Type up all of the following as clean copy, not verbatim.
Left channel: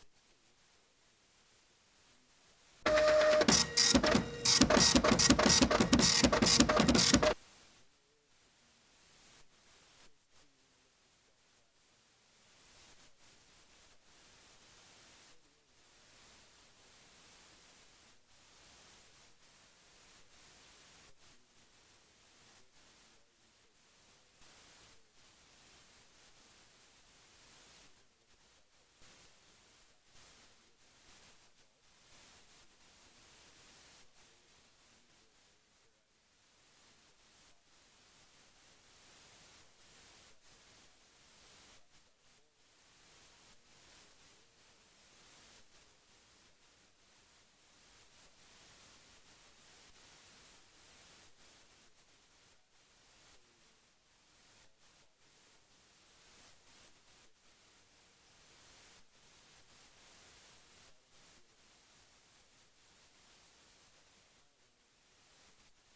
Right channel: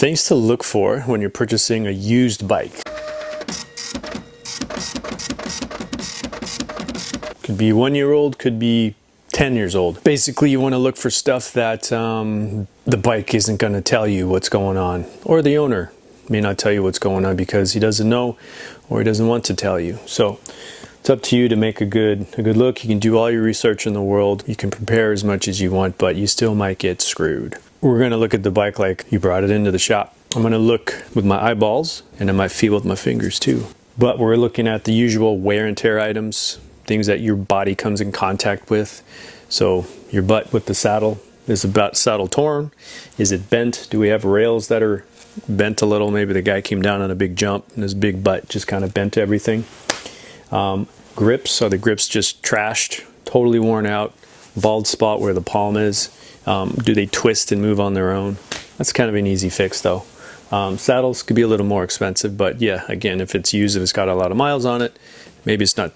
Things to look for when you're purchasing a used bike. Could be 1 year old, could be 10 years old. Basically, you want to look for stuff that the bike isn't going to tell you what's going on, or the owner may not tell you what's going on because he doesn't know or he doesn't want to tell you. So it's up to you to make a good look. You can do all your research in the world. You can prepare as much as you want, but you still might get screwed. We're going to look at the bike like you brought it into the shop. I'm going to look with my eyeballs, and I might feel with my fingers too. But we're looking at the usual wear and tear items, things that your body comes in contact with. So your butt with the saddle, is the saddle torn? Is it bent? Do we have rails that are bent a little? Maybe the guy came down on a big jump and his big butt just kind of bent everything. Grips, are the grips just trashed, totally worn out, bald spot where the palm is? Do they twist and move on their own? That's kind of an easy fix though. Saddles could be a little more expensive, but yeah, again, if it's used, if it's got a lot of miles on it, maybe it's not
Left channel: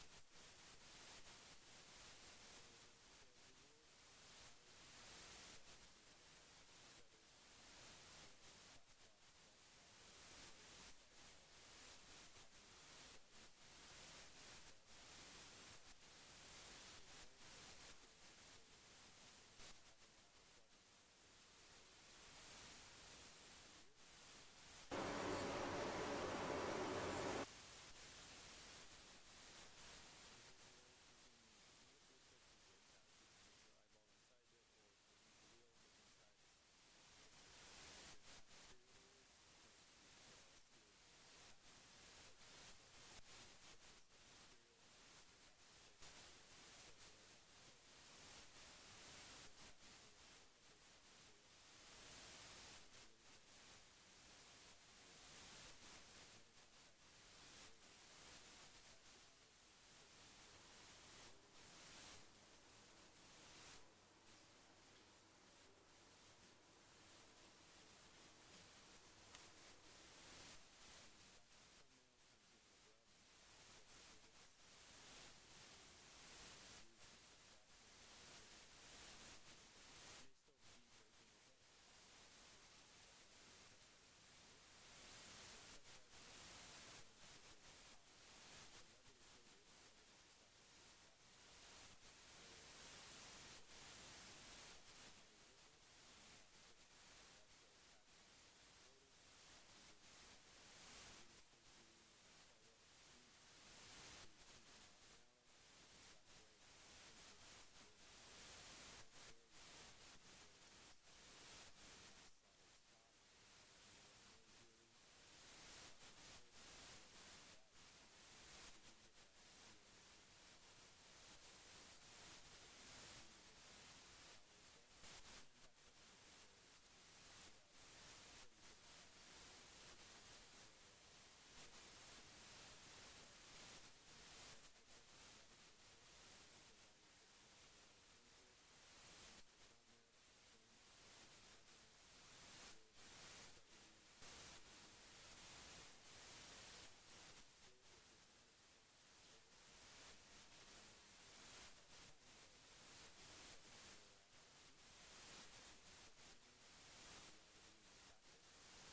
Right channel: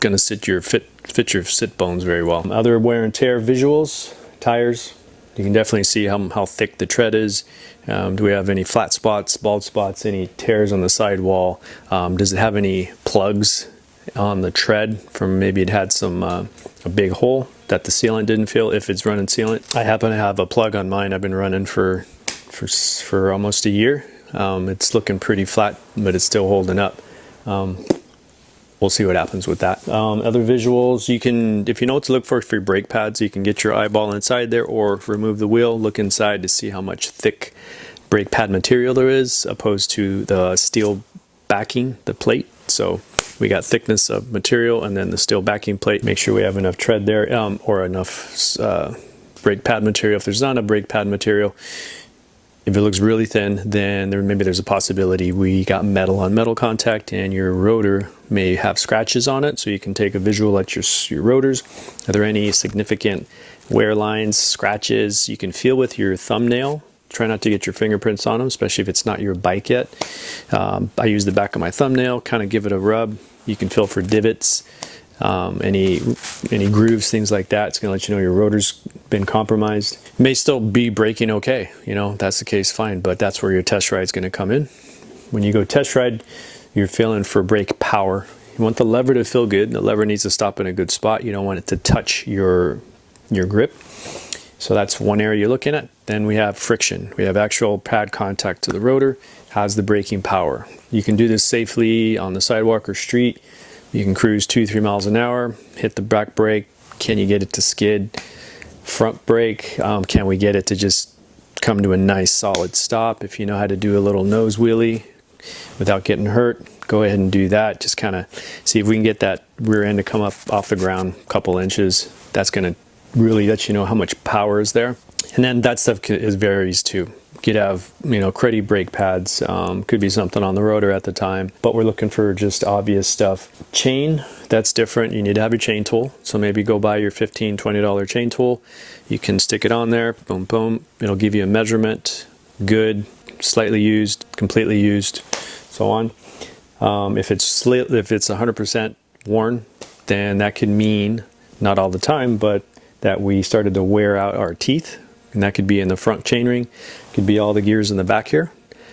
going to fit your sit bones very well. Other wear and tear visuals, tires. You can definitely see how thick the tread is. Do we have any flat spots, bald spots, any tears on the sidewall? Does it have any plugs on the tread from maybe it had some a big hole that the sealant didn't fill if it's running sealant? I happen to have a plug on mine. I've been running for almost a year. It's looking pretty flat, but it's still holding up. We'll see what happens with that. Other visuals, you can, if you know what to look for your brake pads, you can get your eyeball inside there or remove the wheel, look inside to see how much thick brake pad material there is opposed to the steel backing, the plate. So we got thickness of material and then the steel backing plate. Make sure we have enough tread there or enough brake pad material. If there's not a brake pad material, if it looks really thin, then maybe there's a possibility we got metal on metal contact and your rotor may have scratches on it. So you can take a visual at your rotors. Are there any significant wear lines, scratches? You can feel with your thumbnail. Try not to get your fingerprints on them, especially if it's not your bike yet. I use the back of my thumbnail, kind of give it a rub. You can feel for divots, any grooves, things like that. It's going to let you know your rotor's been compromised. It may still be braking okay, you know, if that's the case, fine, but that's where your test ride's going to come in. When you go test ride, you're feeling for brake power. You want the lever to feel good. The lever needs to stop in a good spot. You don't want it to touch your grip. So that's one area you're looking at. Then we have friction. We have actual pad contact to the rotor. How's the braking power? You can do this safely on the sidewalk or street. You can cruise 2-3 miles an hour, hit the back brake. Can you get it to skid? Front brake, can we get it to just come to a nice solid stop? If you know how to do a little nose wheelie without getting hurt, go ahead and do that. Just kind of see if we can get that rear end to come up off the ground a couple inches. That's going to really let you know how much power is there. And then that stuff varies too. You could have, you know, cruddy brake pads, could be something on the rotor at the time, but we're looking for just obvious stuff. Chain, that's different. You need to have your chain tool. So maybe go buy your $15, $20 chain tool. You can stick it on there, boom, boom. It'll give you a measurement, good, slightly used, completely used, so on. If it's 100% worn, then that could mean, not all the time, but that we started to wear out our teeth. And that could be in the front chainring, could be all the gears in the back here.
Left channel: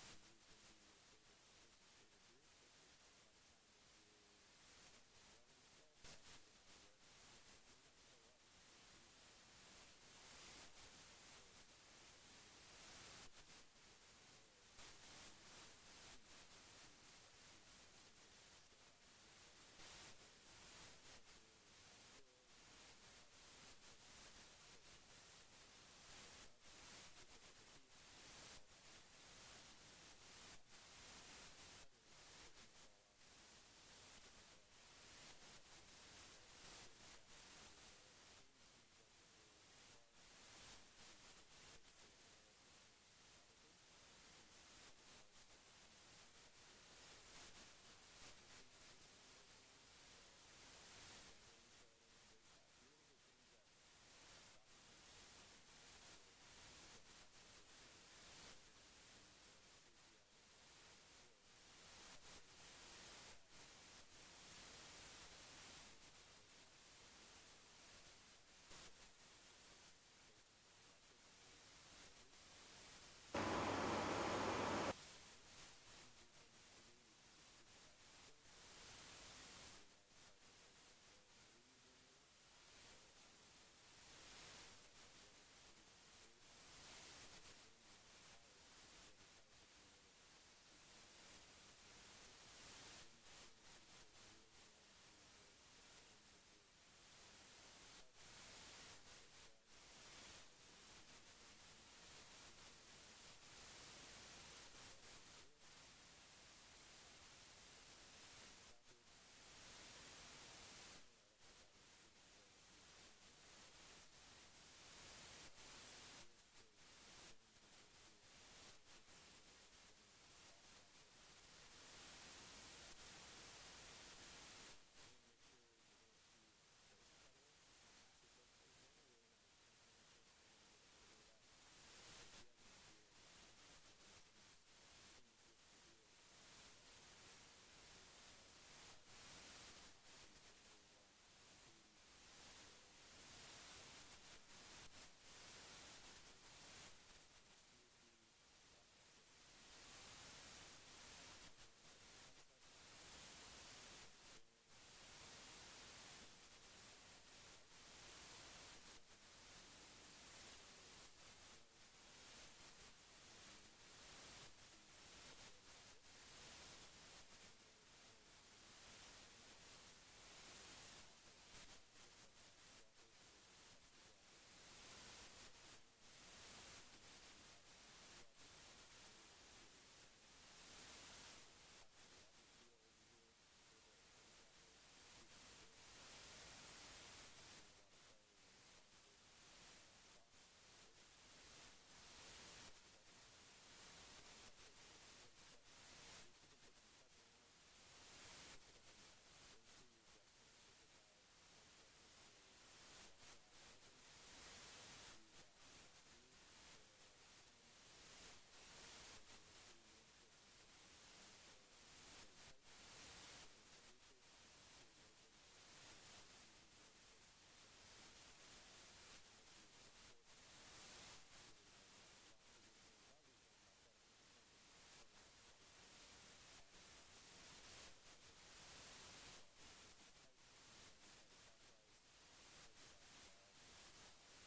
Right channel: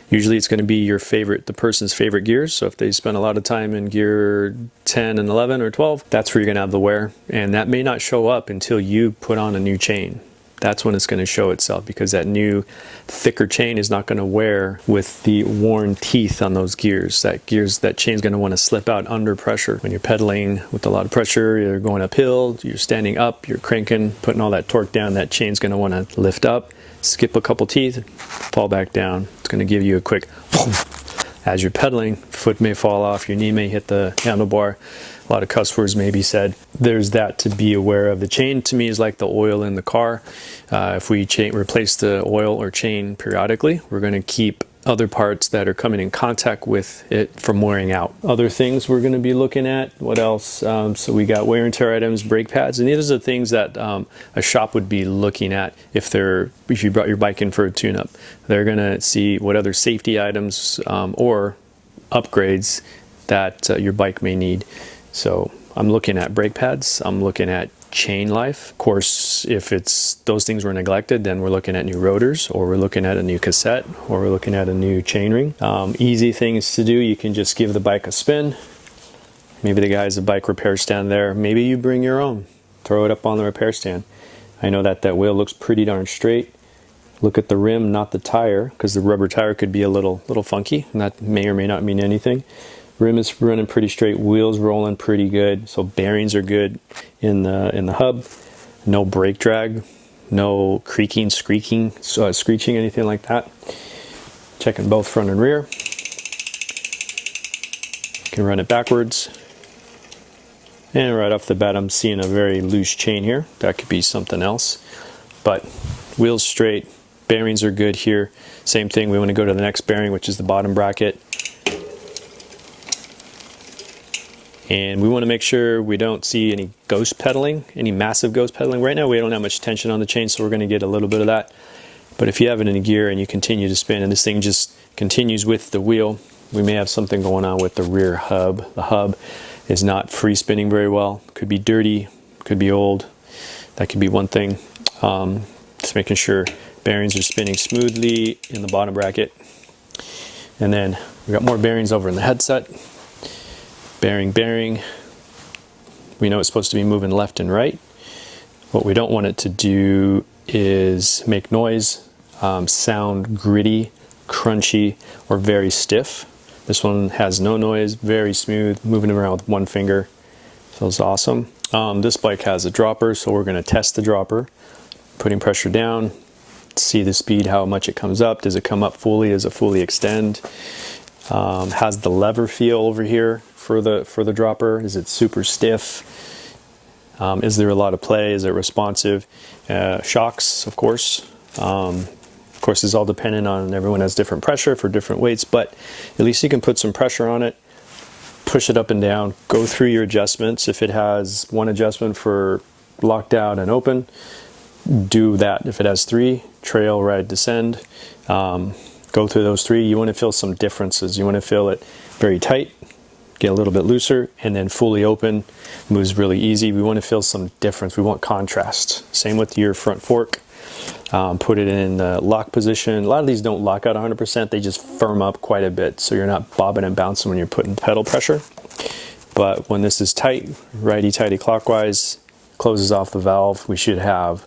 Usually it's going to be the person's favorite gears. So if they spend a lot of time in gear 10 and 11 or 12, that's where you're going to have the wear. And that may not show up until you put on a new chain. That's when it's going to show itself, because that new thicker chain is not going to wear with the worn teeth on those gears. That chain's going to want to slip out under pressure. When you're pedaling with a lot of pressure, you're going uphill, you're standing up, you're cranking, putting all that torque down, that chain's going to want to lift up, skip a couple teeth, fall back down. It's going to give you a quick boom. As you're pedaling, foot may fall off, your knee may hit the handlebar. A lot of cuss words may be said. There's that to be aware of. The chain to me is like the oil in the car. If we replace the oil or chain periodically, we're going to keep other parts that are coming in contact with it from wearing out. Other things we're going to be looking at. What else? So we got wear and tear items, brake pads, and these are the things that a shop would be looking at if you brought your bike in for a tune-up. They're going to see what other safety items or upgrades that your bike may need. So I'm looking at brake pads, I'm looking at chain life. Of course, if it's those things were neglected, then we're looking at new rotors, or we're looking at a new cassette, or we're looking at a new chainring. Easy things to do, you can just give the bike a spin. Maybe the guy has a bike repair stand there. Maybe you bring your own, throw it up on the repair stand. I know that wheel looks pretty darn straight. Look at the rim, not the tire, because the rubber tire could be a little funky, and that may or may not mean anything. Rim is running pretty straight, wheels rolling pretty good, so bearings are good in the hub. No brake drag, no creaking, screeching, anything like that. Checking both front and rear. You can run it backwards. And right off the bat, I'm seeing a very loose chain here. That could be something else. But wheels straight, bearings are good here. Same thing, we want to go to the next bearing, which is the bottom bracket. And we want to make sure we don't see any ghost pedaling, any massive ghost pedaling. Right now we don't have much tension on the chain, so we're going to get a little bit of that. But if you have it in gear and you continue to spin and this thing just continues with the wheel, we may have something going on with the rear hub. The hub is not free spinning very well. Could be dirty, could be old. That could be one thing. Just making sure bearings are spinning smoothly in the bottom bracket. And then we got more bearings over in the headset. Bearing. We know it's supposed to be moving left and right. What we don't want it to do is make noise, sound gritty, crunchy, or very stiff. This one has no noise, very smooth, moving around with one finger. Feels awesome. This bike has a dropper, so we're going to test the dropper. Putting pressure down, see the speed, how much it comes up. Does it come up fully? Does it fully extend? Has the lever feel over here for the dropper? Is it super stiff? Is there a lot of play? Is it responsive? Shocks, of course. Of course, it's all dependent on, everyone has different pressure for different weights, but at least you can put some pressure on it, push it up and down, go through your adjustments. If it has one adjustment for locked out and open, do that. If it has three, trail, ride, descend, go through those three. You want to feel some differences. You want to feel it very tight, get a little bit looser, and then fully open, moves really easy. We want to feel some difference. We want contrast. Same with your front fork. Put it in the lock position. A lot of these don't lock out 100%. They just firm up quite a bit, so you're not bobbing and bouncing when you're putting pedal pressure. But when this is tight, righty-tighty clockwise, closes off the valve, we should have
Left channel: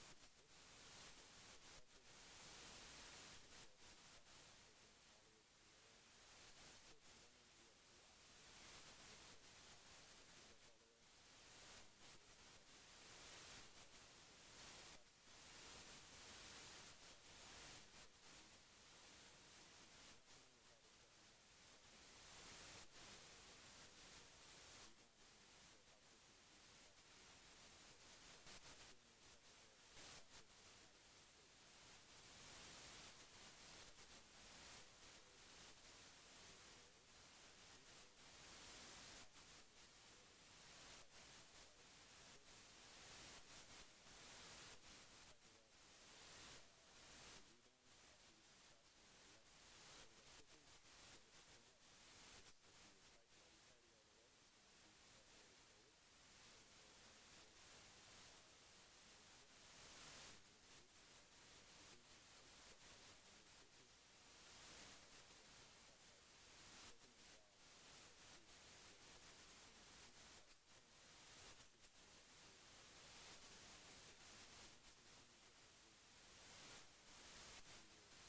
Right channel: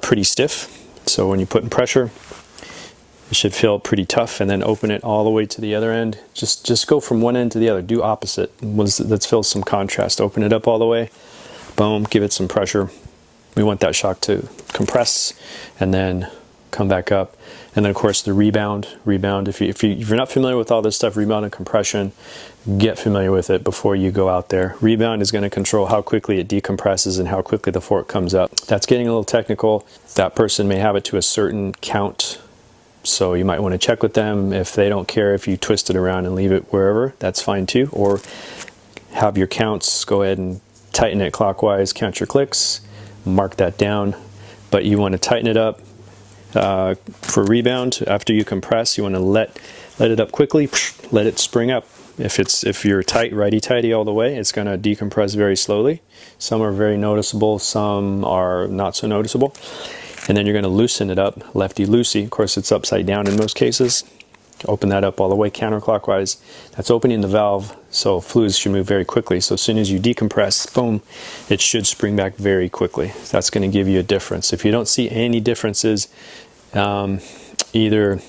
pretty stiff. So when you're putting pressure, it should feel pretty tough, and then open it all the way to the other end. Just go from one end to the other. Do opposite. Let's feel some contrast. Open it up all the way. Boom. Give it some pressure. We want that shock to compress and then come back up. And then of course the rebound. If you're not familiar with all this stuff, rebound and compression, get familiar with it before you go out there. Rebound is going to control how quickly it decompresses and how quickly the fork comes up. That's getting a little technical. That person may have it to a certain count, so you might want to check with them. If they don't care if you twist it around and leave it wherever, that's fine too. Or have your counts, go ahead and tighten it clockwise, count your clicks, mark that down. But you want to tighten it up. For rebound, after you compress, you want to let it up quickly, let it spring up. If you're tight, righty-tighty all the way, it's going to decompress very slowly. Some are very noticeable, some are not so noticeable. And then you're going to loosen it up, lefty-loosey. Of course, it's upside down in most cases. Open that up all the way counterclockwise. That's opening the valve, so fluids should move very quickly. So as soon as you decompress, boom, it should spring back very quickly. That's going to give you a difference. If you don't see any differences, either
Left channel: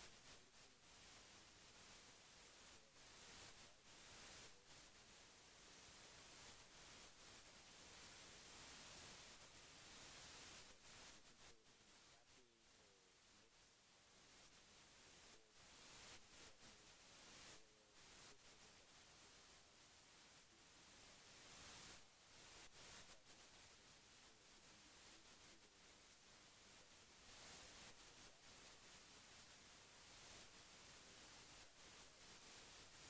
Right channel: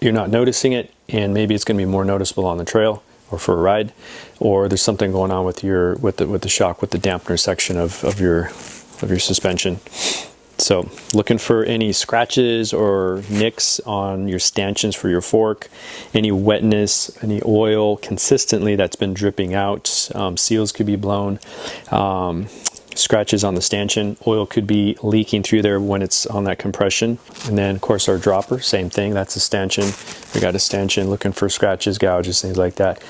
you're not noticing it, and maybe it's going to be more noticeable on the trail or for a ride, or there's something going on with the shock, with the dampener section of your suspension. So looking for any scratches or nicks on your stanchions for your fork, any wetness, any oil consistently that's been dripping out. Seals could be blown. Scratches on the stanchion. Oil could be leaking through there when it's on that compression. And then of course our dropper, same thing. That's a stanchion. We got a stanchion, looking for scratches, gouges, things like that.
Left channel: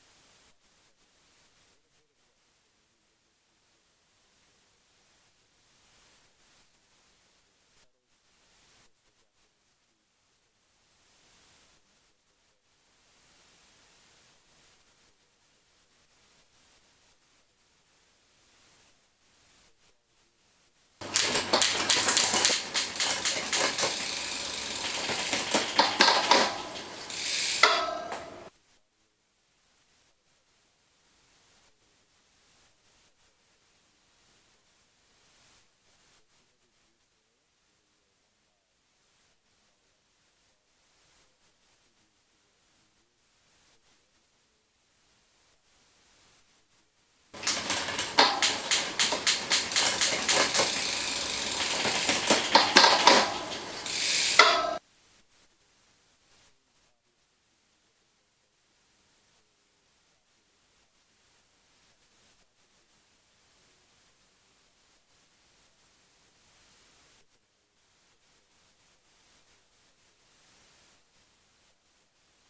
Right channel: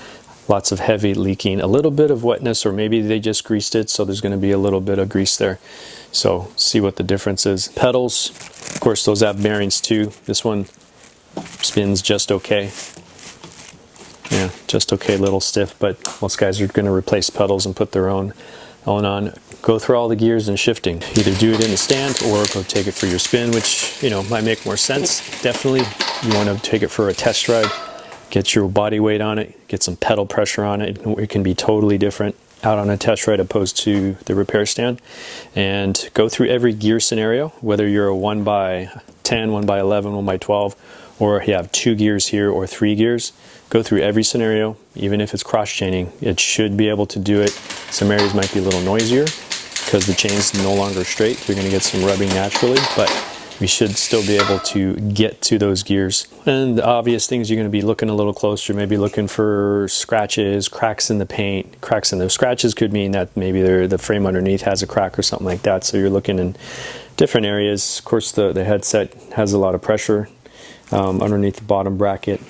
Lots of heavy leaking, a little bit of wetness, or maybe they just greased it, so there's going to be a little bit of grease there. So see what the difference is. Pedals, of course, those have bearings too. This one spins just okay. Yeah, just okay, a little stiff, but most guys are going to replace pedals and put their own going on, go through all the gears and shifting. Either do it in the stand or go take it for your spin, which, you know, might make more sense. Definitely, you want to take it for a test ride, get your body weight on it, get some pedal pressure on it. It can be totally different out on a test ride opposed to the repair stand. And go through every gear scenario, whether you're a 1x10, 1x11, 1x12, or you have 2 gears here or 3 gears. Go through every scenario, even if it's cross chaining. It should be able to do it. Some areas might be a little noisier because the chain's no longer straight. You're going to get some rubbing naturally, but we should still be able to get to those gears. And the obvious things you're going to be looking a little closer, maybe looking for scratches, cracks in the paint. Cracks in those scratches could mean that maybe the frame underneath has a crack or something like that. So you're looking in different areas. Of course, the headset has a lot of pressure underneath the bottom bracket.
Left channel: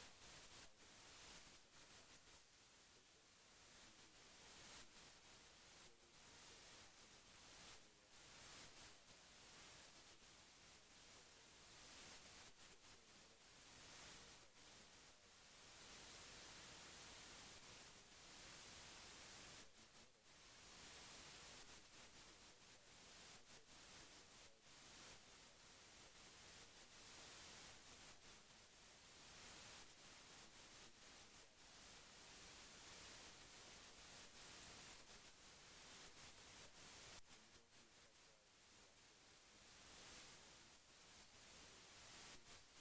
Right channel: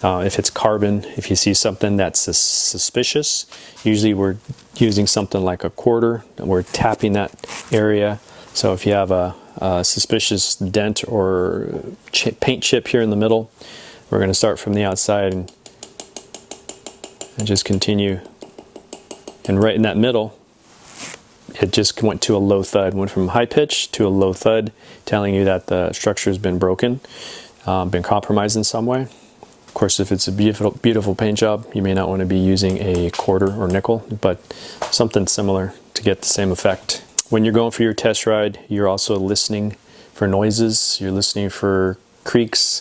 If it's carbon, if you see something that's suspicious, usually we're using something like a quarter, and we're tapping that area. So if you have a suspicious dent or paint chip here in the middle, we're going to start from the outside and just continue. And right in that middle, it just went to a low thud, went from high pitch to a low thud, telling you that the structure has been broken, been compromised in some way. Of course, if it's a beautiful paint job, you may not want to be using a quarter or nickel, but something similar to get the same effect. When you're going for your test ride, you're also listening for noises. You're listening for creaks,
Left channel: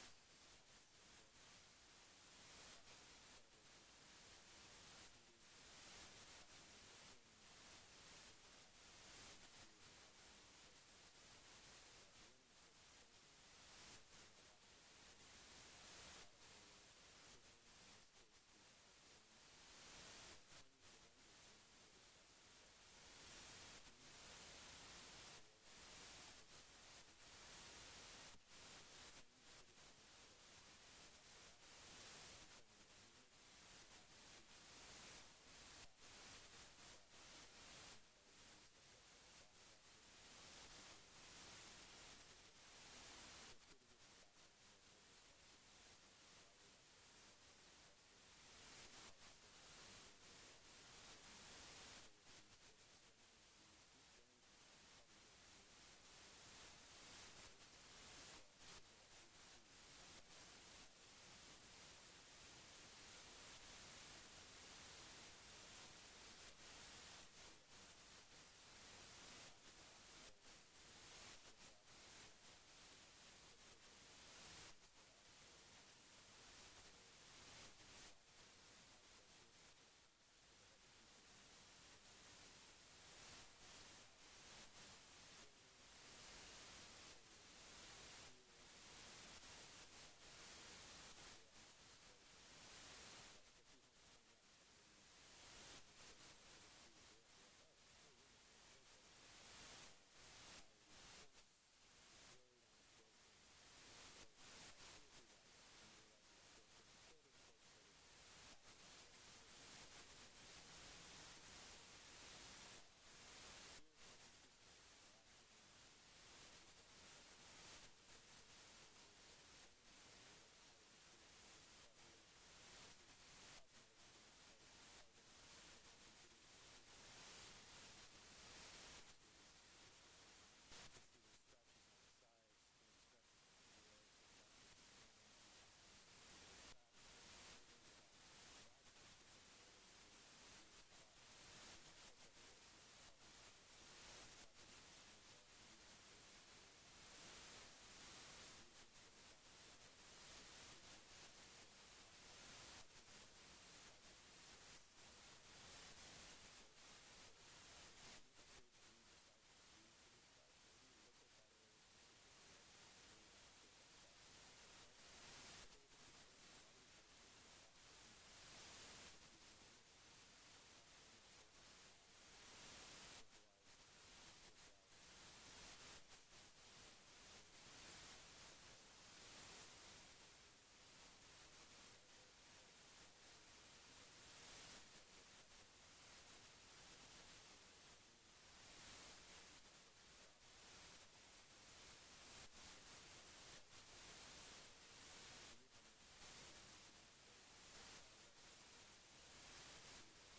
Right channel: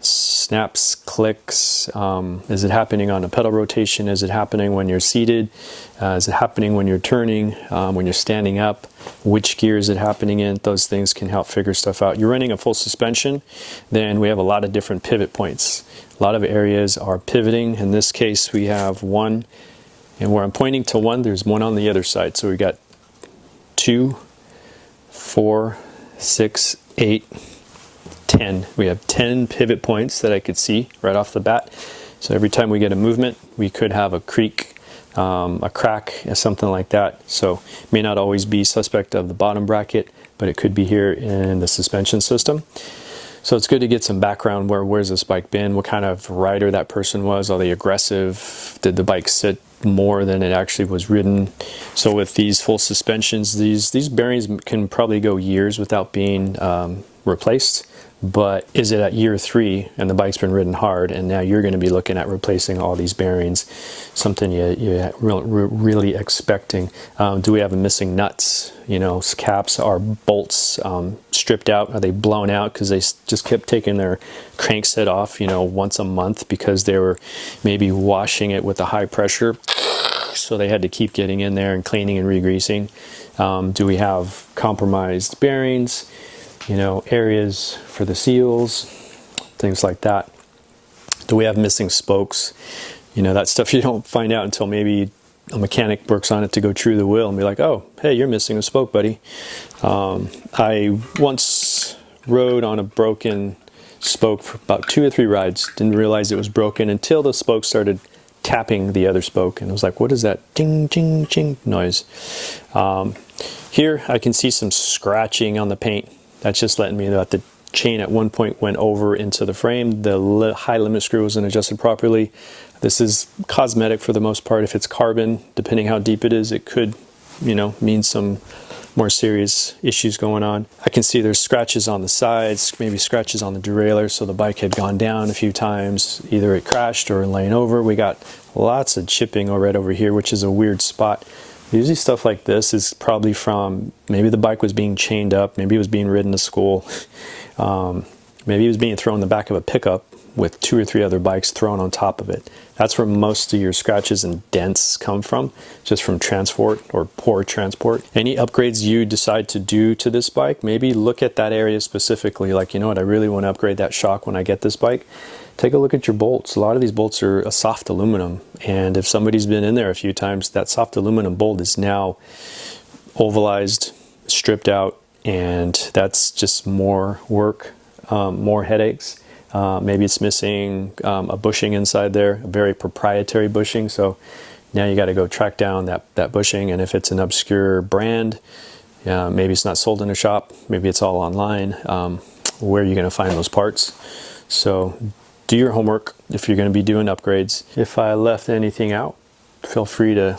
snaps, clicks. Is it happening on a pedal rotation? Is it happening when you're seated? Is it happening when you're turning, when you're standing up? Which gear is it happening in? Those things can help figure stuff out. You're running a full suspension, then we have a lot of different pivot points. A lot of areas are pivoting. In this case, we have one, and where I'm pointing to one, there's one on the other side. So we got 2, 4, 6, 8, 10. We have 10 pivot points that I could see right off the bat. So every time we get a movement, we could have a creak, a crack, something like that. So it may not always be suspect of the bottom bracket, but it could be here in the suspension system. So it's good to get some background. Where's this bike been? What kind of rider that person was? Are they aggressive? Did the bike sit more than it actually was ridden? So with these full suspensions, these bearings can probably go years without being replaced. But is it at year 3 and the bike's been ridden hard, and now you're going to be looking at replacing all these bearings? Something you're really expecting. Do we have missing nuts? You know, caps, are bolts stripped out? Are they blown out because they just kept taking their crankset off, you know, once a month because they were maybe washing it with a high pressure? So they had to keep getting in there and cleaning and re-greasing. Do we have compromised bearings? You know, areas for the seals, things like that. Do we have missing spokes? You know, that stuff you don't find out until maybe a mechanic works on it to go true the wheel and be like, oh, hey, you're missing a spoke, buddy. I once rode on a broken spoke for about 2 or 3 rides. Didn't realize it was broken until the spoke started tapping the other spoke. And I was like, what is that ding, ding, ding noise? Here I can see some scratching on the paint. That's just letting me know that the chain at one point went over into the frame. The high limit screw wasn't adjusted properly. This is cosmetic for the most part. If it's carbon, depending how deep it is, it could, you know, mean some more serious issues going on. I can see there's scratches on the sides, maybe scratches on the derailleur, so the bike had gone down a few times. Either it crashed or laying over. We got lots of chipping right over here, which is a weird spot. Usually stuff like this is probably from, maybe the bike was being chained up, maybe it was being ridden to school, maybe it was being thrown in the back of a pickup with 2 or 3 other bikes thrown on top of it. That's where most of your scratches and dents come from, just from transport or poor transport. Any upgrades you decide to do to this bike, maybe look at that area specifically, like, you know what, I really want to upgrade that shock when I get this bike. Take a look at your bolts. A lot of these bolts are a soft aluminum, and if somebody's been in there a few times, that soft aluminum bolt is now ovalized, stripped out, and that's just more work, more headaches. Maybe it's missing a bushing inside there, a very proprietary bushing, so now you got to go track down that bushing. And if it's an obscure brand, maybe it's not sold in a shop, maybe it's all online, where are you going to find those parts? So do your homework if you're going to be doing upgrades. If I left anything out, feel free to